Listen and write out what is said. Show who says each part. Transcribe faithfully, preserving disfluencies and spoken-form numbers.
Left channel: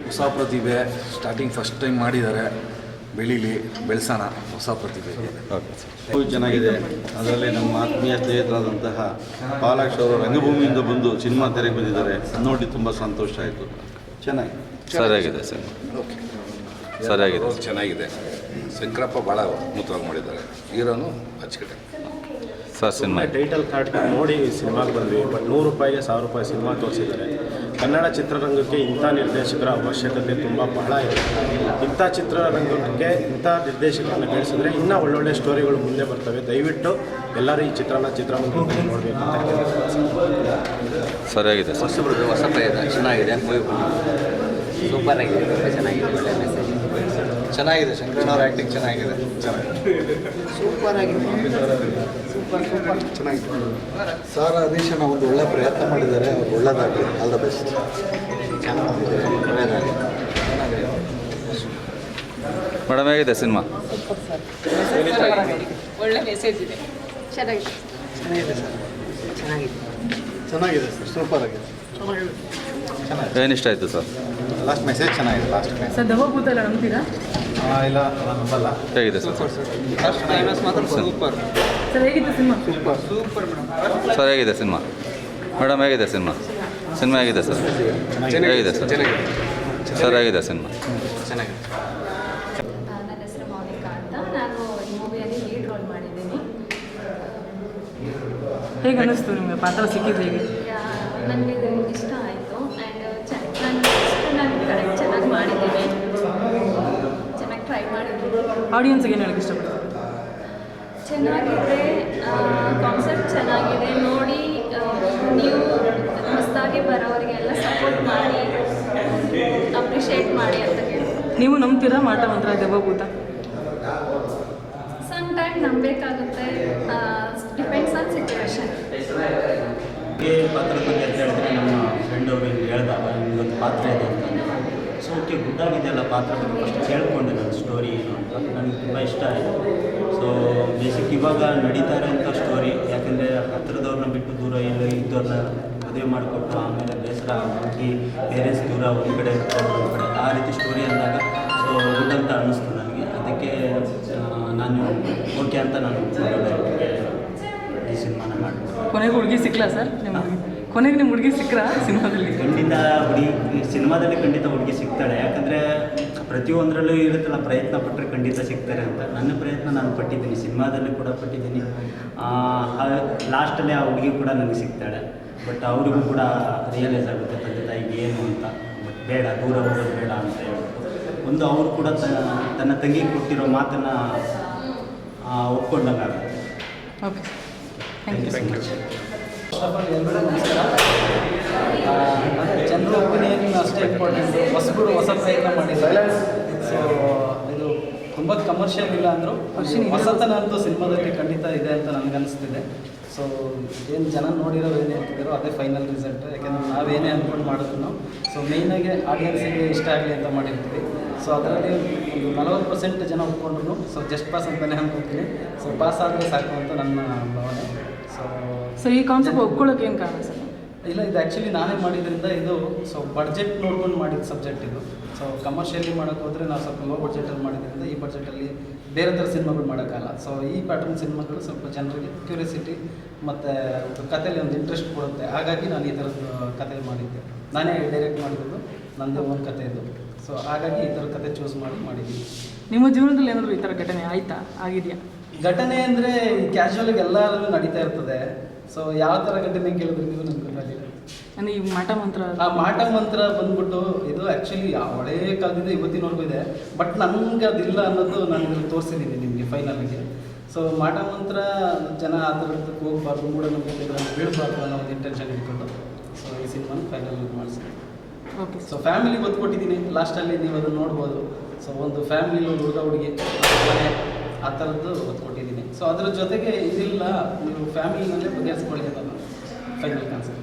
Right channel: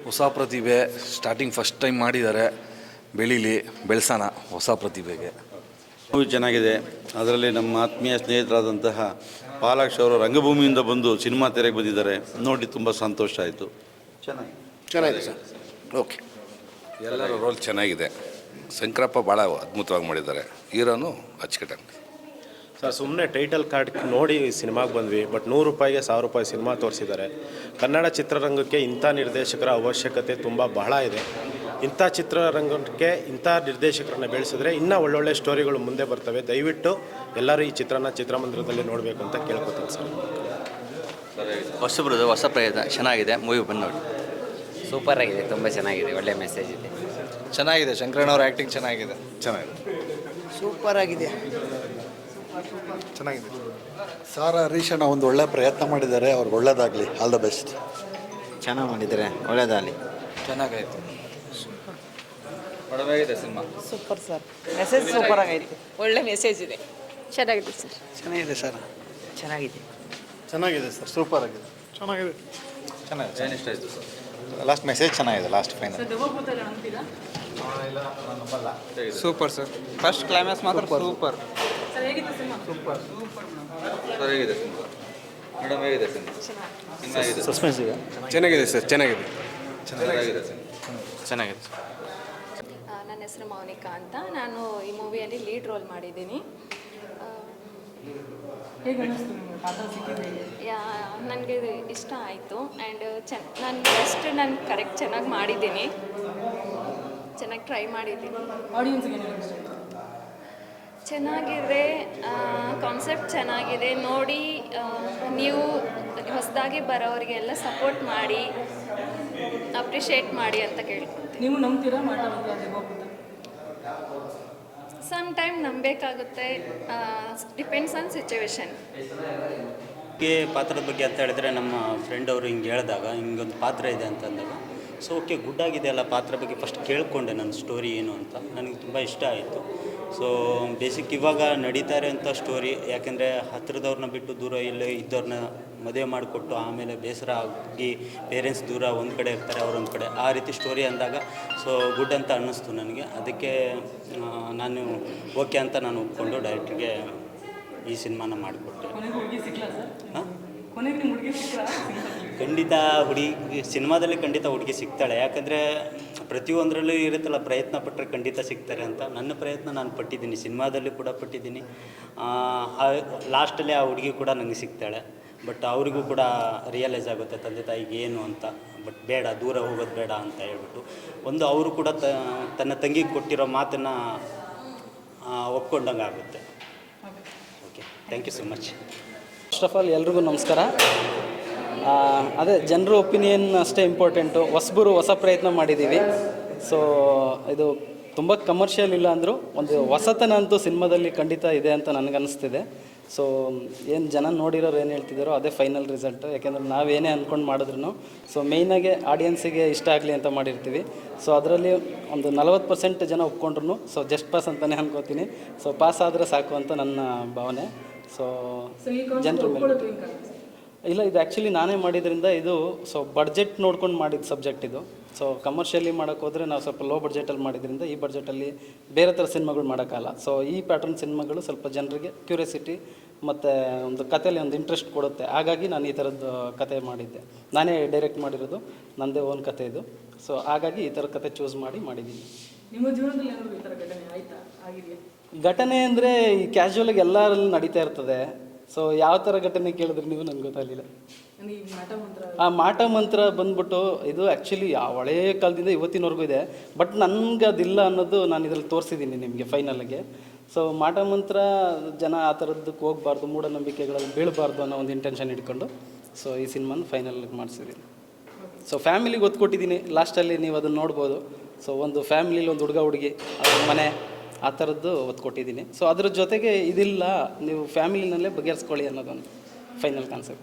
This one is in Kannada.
Speaker 1: ಹೊಸ ಪ್ರತಿಭೆ ಸ್ಟಾರ್ಟಿಂಗ್ ಫಸ್ಟ್ ಟೈಮ್ ಮಾಡಿದ್ದಾರೆ. ಬೆಳೀಲಿ, ಬೆಳೆಸೋಣ ಹೊಸ ಪ್ರತಿಭೆಗೆ.
Speaker 2: ಓಕೆ ಸರ್, ಚೆನ್ನಾಗಿದೆ. ಅದರಲ್ಲಿ ನಮ್ಮ ಆತ್ಮೀಯ ಸ್ನೇಹಿತರಾದಂತಹ ಪಾಲಾಕ್ಷ ಅವರು ರಂಗಭೂಮಿಯಿಂದ ಬಂದು ಸಿನಿಮಾ ತೆರೆಗೆ ಬಂದಿದ್ದಾರೆ. ನೋಡಿ ತುಂಬ ಸಂತೋಷ ಆಯಿತು. ಚೆನ್ನಾಗಿ
Speaker 3: ಸರಿಯಾಗಿದೆ ಸರ್.
Speaker 1: ಓಕೆ,
Speaker 3: ಸರಿಯಾಗಿದೆ,
Speaker 4: ಚೆನ್ನಾಗಿದೆ. ಶಂಕರಪ್ಪ ಭಾಳ ಅದ್ಭುತವಾಗಿ ಮಾಡಿದ್ದಾರೆ. ಹೀರೋನು ಅಚ್ಚುಕಟ್ಟಾಗಿ
Speaker 3: ಸರ್. ಸಿನಿಮಾ
Speaker 5: ಟೈಟಲ್ ಕಾರ್ಡ್ ನೋಡಿ ಸಿನಿಮಾಗೆ ಬಂದ್ವಿ. ಬಟ್ ನೂರು ರೂಪಾಯಿಗೆ ಸಾವಿರ ರೂಪಾಯಿ ಸಿನಿಮಾ ತೋರಿಸಿದ್ದಾರೆ. ಕನ್ನಡ ಚಿತ್ರರಂಗಕ್ಕೆ ಇಂಥ ನಿರ್ದೇಶಕರ ಅವಶ್ಯಕತೆ ತುಂಬ ಬಹಳ ಇದೆ. ಇಂಥ ಚಿತ್ರರಂಗಕ್ಕೆ ಇಂಥ ನಿರ್ದೇಶಕರನ್ನ ಬೆಳೆಸಿದ್ರೆ ಇನ್ನೂ ಒಳ್ಳೊಳ್ಳೆ ಸ್ಟೋರಿಗಳು ಮುಂದೆ ಬರ್ತವೆ. ದಯವಿಟ್ಟು ಎಲ್ಲರೂ ಈ ಚಿತ್ರನ ಚಿತ್ರಮಂದಿರದಲ್ಲಿ ನೋಡಬೇಕು ಅಂತ ಕೇಳ್ತೀನಿ.
Speaker 3: ಸರಿಯಾಗಿದೆ ಸರ್.
Speaker 6: ಹೊಸಬ್ರದ್ದು ಹೊಸ ಪ್ರಯತ್ನ ಚೆನ್ನಾಗಿದೆ. ಮೂವಿ ಬಂದು ಸೂಪರ್ ಆಗಿದೆ, ತುಂಬ ಚೆನ್ನಾಗಿದೆ, ಒಳ್ಳೆ ಮೆಸೇಜ್
Speaker 1: ಚೆನ್ನಾಗಿದೆ. ಶಂಕರಣ್ಣವ್ರ ಆ್ಯಕ್ಟಿಂಗ್ ಚೆನ್ನಾಗಿದೆ.
Speaker 7: ಸೂಪರ್ ಆಗಿದೆ, ಸೂಪರ್ ಸೂಪರ್ ಚೆನ್ನಾಗಿದೆ. ಸಾರ ಹರೀಶಣ್ಣ ಒಂದು ಒಳ್ಳೆ ಪ್ರಯತ್ನ ಮಾಡಿದ್ದಾರೆ. ಅವ್ರು ಒಳ್ಳೇದಾಗಲಿ, ಆಲ್ ದ ಬೆಸ್ಟ್.
Speaker 6: ಚೆನ್ನಾಗಿ ಮಾಡಿದ್ದಾರೆ, ಒಳ್ಳೆಯದಾಗಲಿ.
Speaker 3: ಮೇಡಮ್ ಹೇಗಿದೆ cinema?
Speaker 8: Super sir, message super ಆಗಿದೆ, ಒಳ್ಳೆ ಮೆಸೇಜ್ ಇದೆ. ಚೆನ್ನಾಗಿದೆ ಸರ್.
Speaker 7: ಚೆನ್ನಾಗಿದೆ ಸರ್,
Speaker 8: ಚೆನ್ನಾಗಿದೆ
Speaker 7: ಚೆನ್ನಾಗಿದೆ ಸರ್, ಸೂಪರ್ ಆಗಿದೆ, ಚೆನ್ನಾಗಿದೆ.
Speaker 3: ಏನು ಇಷ್ಟ ಆಯಿತು ಸರ್?
Speaker 7: ಲಾಸ್ಟ್ ಮೆಸೇಜ್ ಚೆನ್ನಾಗಿದೆ. ಲಾಸ್ಟ್
Speaker 8: ಸರ್ ದವಭೂತೆಲ್ಲ ನಂಬ್ತೀರಾ?
Speaker 7: ಇಲ್ಲ ನಂಬಲ್ಲ.
Speaker 3: ಹೇಗಿದೆ sir?
Speaker 6: Super sir, first climax ಮಾತ್ರ ಸೂಪರ್.
Speaker 8: ಸರ್ ಹೇಗಿತ್ತು cinema?
Speaker 7: Super
Speaker 6: super madam.
Speaker 3: Sir ಹೇಗಿದೆ ಸಿನಿಮಾ? ಮೇಡಮ್ ಹೇಗಿದೆ ಸಿನಿಮಾ? ಸಿನಿಮಾ ಹೇಗಿದೆ ಸರ್?
Speaker 1: ಚೆನ್ನಾಗಿದೆ ಸರ್. ಚೆನ್ನಾಗಿದೆ.
Speaker 3: ಸರ್ ಹೇಗಿದೆ ಸಿನಿಮಾ?
Speaker 6: ಚೆನ್ನಾಗಿದೆ.
Speaker 9: ನನ್ನ ಹೆಸರು ಮೌನಿಕಾ ಅಂತ. ನಾನು ಈ ಮೂವಿಯಲ್ಲಿ ಲೀಡ್ ರೋಲ್ ಮಾಡಿದ್ದೀನಿ.
Speaker 8: ಹೇಗೆ ಅನ್ನಿಸ್ತು ನಿಮಗೆ ಪಾತ್ರ ಸಿಕ್ಕಿದ್ದು? ಹೇಗೆ?
Speaker 9: ನನಗೆ ಇದು ಇಷ್ಟ ಆಯಿತು. ಆ್ಯಂಡ್ ಚ ನಾನು ಫಸ್ಟ್ ನಾನು ಕರೆಕ್ಟ್ ಚೆನ್ನಾಗಿ ಮಾಡಿದ್ದೀನಿ, ಚೆನ್ನಾಗಿ ಟ್ರೈ ಮಾಡಿದ್ದೀನಿ.
Speaker 8: ಆಡಿಯನ್ಸ್ಗೆ ಏನು ಹೇಳಕ್ಕೆ ಇಷ್ಟಪಡ್ತೀನಿ?
Speaker 9: ಚೆನ್ನಾಗಿದೆ, ಕಾನ್ಸೆಪ್ಟ್ ಚೆನ್ನಾಗಿದೆ. ನೋಡಿ ನೀವು ಹೊಸದಾಗಿ ಬರೋರಿಗೆಲ್ಲ ಸಪೋರ್ಟ್ ಮಾಡಿ, ಅಪ್ರಿಷಿಯೇಟ್ ಮಾಡಿ ಅಂತ ಕೇಳಿ.
Speaker 8: ನೀವು ನಂಬ್ತೀರಾ ಮಾಟ ಮಂತ್ರ ದೆವ್ವಭೂತ?
Speaker 9: ಸಮ್ ಟೈಮ್ ನಂಬಬೇಕಾಗುತ್ತೆ, ಡಿಪೆಂಡ್ಸ್ ಆನ್ ಸಿಚುವೇಶನ್.
Speaker 10: ಈ ಪಾತ್ರದ ಬಗ್ಗೆ ಅಂತ ಹೇಳಿದ್ರೆ ನಮ್ಮ ಫ್ರೆಂಡ್ ಅವರು ಹಿಂಗೆ ಹೇಳಿದಾಗ ನಿಮಗೊಂದು ಪಾತ್ರ ಇದೆ ಅಂತಂದು, ಸೊ ಓಕೆ ಗುಡ್ ಆಗಿದೆಯಲ್ಲ ಪಾತ್ರ ಬಗ್ಗೆ ಫಸ್ಟ್ ಕೇಳಿಕೊಂಡೆ ನಾನು ಸ್ಟೋರಿ ಏನು ಅಂತ. ನನಗೆ ತುಂಬ ಇಷ್ಟ ಆಯಿತು. ಸೊ ಬೇಸಿಕ್ ಇವಾಗ ನಡೀತಾ ಇರೋಂಥ ಸ್ಟೋರಿ, ಯಾಕೆಂದರೆ ಹತ್ತಿರದವ್ರನ್ನ ಬಿಟ್ಟು ದೂರ ಇಲ್ಲಿ ಇದ್ದವ್ರನ್ನ ಮದುವೆ ಮಾಡಿಕೊಟ್ಟು ಆಮೇಲೆ ಬೇಸರ ಹೋಗಿ ಪೇರೆಂಟ್ಸ್ ದೂರ ಒಂದು ಕಡೆ ಇರ್ತಾರೆ, ಒಂದು ಕಡೆ ಆ ರೀತಿ ಸ್ಟೋರಿ ಅಂದಾಗ ಸೊ ಗುಡ್ ಅಂತ ಅನ್ನಿಸ್ತು ನನಗೆ. ಅದಕ್ಕೆ ನಾನು ಓಕೆ ಅಂತ ನಾನು ಡೈರೆಕ್ಟ್ಗೆ ಈ ಸಿನಿಮಾನ ಮಾಡಿದೆ.
Speaker 8: ಕೊನೆಗೆ ಹುಡುಗಿ ಸಿಕ್ಕಲ್ಲ ಸರ್ ನಿಮಗೆ? ಕೊನೆಗೆ ನಿಮ್ಮ ಹುಡುಗಿ ಸಿಕ್ಕರಾ ಸಿನಿಮಾದಲ್ಲಿ?
Speaker 10: ಖಂಡಿತ ಹುಡುಗಿ ಸಿನಿಮಾದಲ್ಲಿ ಖಂಡಿತ ಹುಡುಗಿ ಸಿಗ್ತಾಳೆ. ಯಾಕಂದರೆ ಪ್ರತಿಯೊಂದರಲ್ಲೂ ಇರುತ್ತಲ್ಲ, ಪ್ರಯತ್ನ ಪಟ್ಟರೆ ಖಂಡಿತ ಸಿಗ್ತಾರೆ ಅಂತ. ನನ್ನ ಪ್ರಯತ್ನ ನಾನು ಪಟ್ಟಿದ್ದೀನಿ, ಸಿನಿಮಾದಲ್ಲಿ ಕೂಡ ಪಟ್ಟಿದ್ದೀನಿ. ಲಾಸ್ಟಲ್ಲಿ ಆ ಹುಡುಗಿ ಕೂಡ ನನಗೆ ಸಿಗ್ತಾಳೆ. ಬಟ್ ಅವರಿಗೂ ಕೂಡ ರಿಯಲೈಸ್ ಆಗುತ್ತೆ ತಂದೆ ತಾಯಿಗೆ ಏನು ಅಂತ. ಬಟ್ ಬೇಡ, ದೂರ ಹೋಗೋದು ಬೇಡ ಅಂತ ಹೇಳ್ಬಿಟ್ಟು ಒಂದು ಅವರು ಕೂಡ ತನ್ನ ತಂಗಿಗೆ ಕೊಟ್ಟಿರೋ ಮಾತನ್ನು ಒಪ್ಕೊಂಡಂಗೆ ಆಗುತ್ತೆ.
Speaker 8: Okay,
Speaker 10: thank you so much.
Speaker 11: First of all ಎಲ್ರಿಗೂ ನಮಸ್ಕಾರ. ಅದೇ ಜನರ ಒಪಿನಿಯನ್ ಅಷ್ಟೇ ಇಂಪಾರ್ಟೆಂಟು. ಹೊಸಬರು ಹೊಸ ಪ್ರಯತ್ನ ಮಾಡಿದ್ದೀವಿ. ಸೊ ಇದು ತುಂಬ ಕಮರ್ಷಿಯಲ್ ಇಲ್ಲ ಅಂದರೂ ಒಂದು ಹೊಸತನ ಅಂತೂ ಸಿನಿಮಾದಲ್ಲಿ ಖಂಡಿತ ಇದೆ ಅಂತ ನನಗನ್ನಿಸ್ತಿದೆ. ಸೊ ಏನು ಜನ ನೋಡಿರೋರು ಏನು ಹೇಳ್ತಿದ್ದಾರೋ ಅದೇ ಫೈನಲ್ ರಿಸಲ್ಟ್. ಯಾಕೆಂದರೆ ನಾವೇನೇ ಅಂದ್ಕೊಂಡು ಮಾಡಿದ್ರು ಸೊ ಮೇಯ್ನಾಗೆ ಆಡಿಯನ್ಸಿಗೆ ಇಷ್ಟ ಆಗಲಿ ಅಂತ ಮಾಡಿರ್ತೀವಿ. ಸೊ ಅದರಲ್ಲಿ ಒಂದು ನಲವತ್ತು ಪರ್ಸೆಂಟ್ ಜನ ಒಪ್ಕೊಂಡ್ರು ಸೊ ಜಸ್ಟ್ ಪಾಸ್ ಅಂತಲೇ ಅನ್ಕೋತೀನಿ. ಸೊ ಪಾಸ್ ಆದರೆ ಸಾಕು ಅಂತ ನನ್ನ ಭಾವನೆ. ಸೊ
Speaker 8: ಸೊ ಈ ಕಾನ್ಸೆಪ್ಟ್ ಒಪ್ಕೊಳ್ಳೋಕೆ ಏನು ಕಾರಣ ಸರ್?
Speaker 11: ಇಲ್ಲ, ಇದು ಆ್ಯಕ್ಚುಲಿ ನಾನೇ ಮಾಡಿದ್ರಿಂದ ಇದು ಸೊ ಬಡ್ಜೆಟ್ ನೋಡ್ಕೊಂಡು ಮಾಡಿದ ಸಬ್ಜೆಕ್ಟ್ ಇದು. ಸೊ ಕಮರ್ಷಿಯಲಿ ಮಾಡೋಕ್ಕೆ ಹೋದರೆ ನಾವು ಸ್ವಲ್ಪ ಲೋ ಬಡ್ಜೆಟಲ್ಲಿ ಮಾಡಿದ್ರಿಂದ ಈ ಬಡ್ಜೆಟಲ್ಲಿ ಬೇರೆ ಥರ ಸಿನಿಮಾಗಳು ಮಾಡೋಕ್ಕಲ್ಲ. ಸೊ ಈ ಪ್ಯಾಟರ್ನ್ ಸಿನಿಮಾಗಳು ಸ್ವಲ್ಪ ಜನರಿಗೆ ಕ್ಯೂರಿಯಾಸಿಟಿ ಮತ್ತು ಒಂದು ಕಥೆಯಲ್ಲಿ ಒಂದು ಇಂಟ್ರೆಸ್ಟ್ ಕೊಡುತ್ತೆ. ಹಾಗಾಗಿ ನಾನು ಈ ಥರದ್ದು ಕತೆ ಮಾಡಿದ್ದೆ. ನಾನೇ ಡೈರೆಕ್ಟ್ ಮಾಡಿರೋದು, ನನ್ನದೇ ಓನ್ ಕತೆ ಇದು. ಸೊ ಹಾಗಾಗಿ ಈ ಥರ ಕತೆ ಚೂಸ್ ಮಾಡಿ ಮಾಡಿದ್ದೀನಿ.
Speaker 8: ನಿಮ್ಮ ಜೀವನದಲ್ಲಿ ಏನಾದರೂ ಈ ಥರ ಘಟನೆ ಆಯಿತಾ, ಆಗಿದೆಯಾ?
Speaker 11: ಘಟನೆ ಅಂದರೆ ಕ್ಯಾಶುವಲಾಗಿ ಎಲ್ಲರಲ್ಲೂ ನಡೀತಾ ಇರ್ತದೆ. ಸೊ ಯಾವ ಥರ ಘಟನೆ ಕೇಳಿದ್ರೆ ನೀವು ನನಗೆ ಗೊತ್ತಾಗಲಿಲ್ಲ.
Speaker 8: ಅಂದರೆ ಈ ಮಾಟ ಮಂತ್ರ,
Speaker 11: ಆ ಮಾಟ ಮಂತ್ರ ಬಂದ್ಬಿಟ್ಟು ಇದು ಆ್ಯಕ್ಚುಲಿ ಹಳೇ ಕಾಲದಿಂದ ಇವತ್ತಿನವರೆಗೂ ಇದೆ. ಬಟ್ ನನಗೆ ಅದಿಲ್ಲ ಅನ್ನೋದು ನಾನು ಇದ್ರಲ್ಲಿ ತೋರಿಸಿದ್ದೀನಿ ನಿಮಗೆ ಫೈನಲ್ಗೆ. ಸೊ ಮಾಟ ಮಂತ್ರ ಜನ ಆ ಥರದ್ದಕ್ಕೆ ಹೋಗಬಾರ್ದು, ಮೂಢನಂಬಿಕೆಗಳಲ್ಲಿ ಬೀಳಬಾರ್ದು ಅನ್ನೋ ಒಂದು ಇಂಟೆನ್ಷನ್ ಇಟ್ಕೊಂಡು ಸೊ ಈ ಸಿನಿಮಾನ ಫೈನಲ್ ಮಾಡಿಸಿದ್ದೀನಿ.
Speaker 8: ಓಕೆ.
Speaker 11: ಸೊ ಫ್ಯಾಮಿಲಿಗೆ ಒತ್ತು ಕೊಟ್ಟಿದ್ದೀನಿ. ಲಾಸ್ಟಲ್ಲಿ ನೀವು ಅದನ್ನು ನೋಡ್ಬೋದು. ಸೊ ಒಂದು ಫ್ಯಾಮಿಲಿ, ಒಂದು ಹುಡುಗ ಹುಡುಗಿ ಮನೆ ಆ ಥರದ್ದು ಒತ್ತು ಕೊಟ್ಟಿದ್ದೀನಿ. ಸೊ ಅದ್ರ ಜೊತೆಗೆ ಇದಿಲ್ಲ, ನೀವು ಫ್ಯಾಮಿಲಿನಲ್ಲೇ ಬಗೆಹರಿಸ್ಕೊಳ್ಳಿ ಅನ್ನೋದು ಫೈನಲ್ ಕಾನ್ಸೆಪ್ಟ್.